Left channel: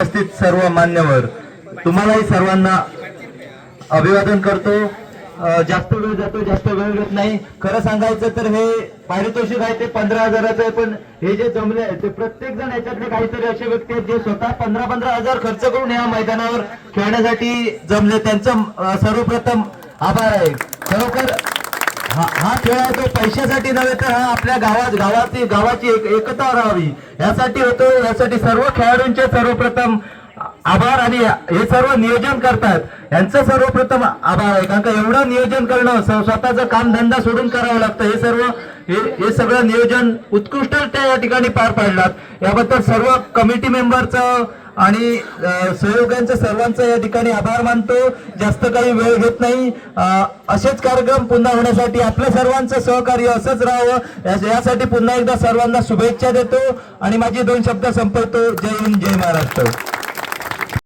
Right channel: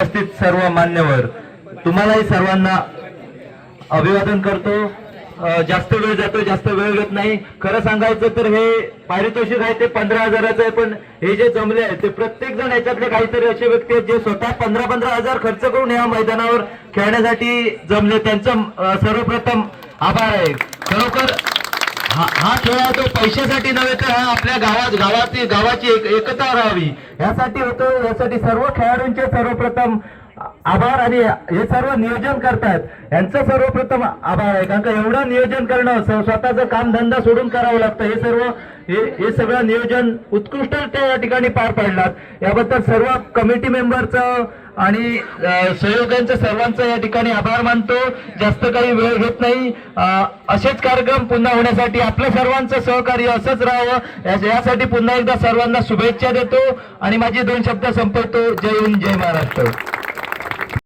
उपस्थित सर्व मान्यवर तुम्हालाही सर्वांना अभिवादन करतो. जास्त वेळ जातो जास्त वेळ घेत नाही. खरं सांगायचं तर हे पारितोषिक आहे ते पंधरा हजाराचं आहे पण हे जे जमले आहे ते प्रत्येक जण याच्यातले काहीतरी असे व्यक्ती आहेत जे स्वतः पंधरा पंधरा हजार खर्च करून या मैदानावर खेळण्यासाठी जमले. त्यांचं सर्वप्रथम आभार आहे. खरोखर खेळ तो पैशासाठी नव्हे तर हा आपल्या गावात गावाची गावाची एक एकता राहावी. यासाठी होतो यासाठी सर्व खेळाडूंचे सर्वप्रथम आभार आणि हे सर्व नियोजन करतात. यांचं सर्वप्रथम आभार आहे. कारण का एवढं नियोजन करणं स्वतःचं काम धंदा सोडून करावं लागतं. हे सर्व हे सगळं नियोजन उत्कृष्ट त्या ठिकाणी पार पाडलात याबद्दल सर्व कमिटी मेंबरचं आणि सहयोगांच्या सर्वांचा या ठिकाणी आभार मानतो. जास्त काही वेळ घेत नाही. असेच कार्यक्रम पुन्हा होण्यासाठी आपल्या सर्वांचं सहकार्य असंच राहावं. यासाठी पुन्हा एकदा सर्वांना शुभेच्छा देतो. आणि माझे दोन शब्द संपवतो. जय हिंद जय महाराष्ट्र.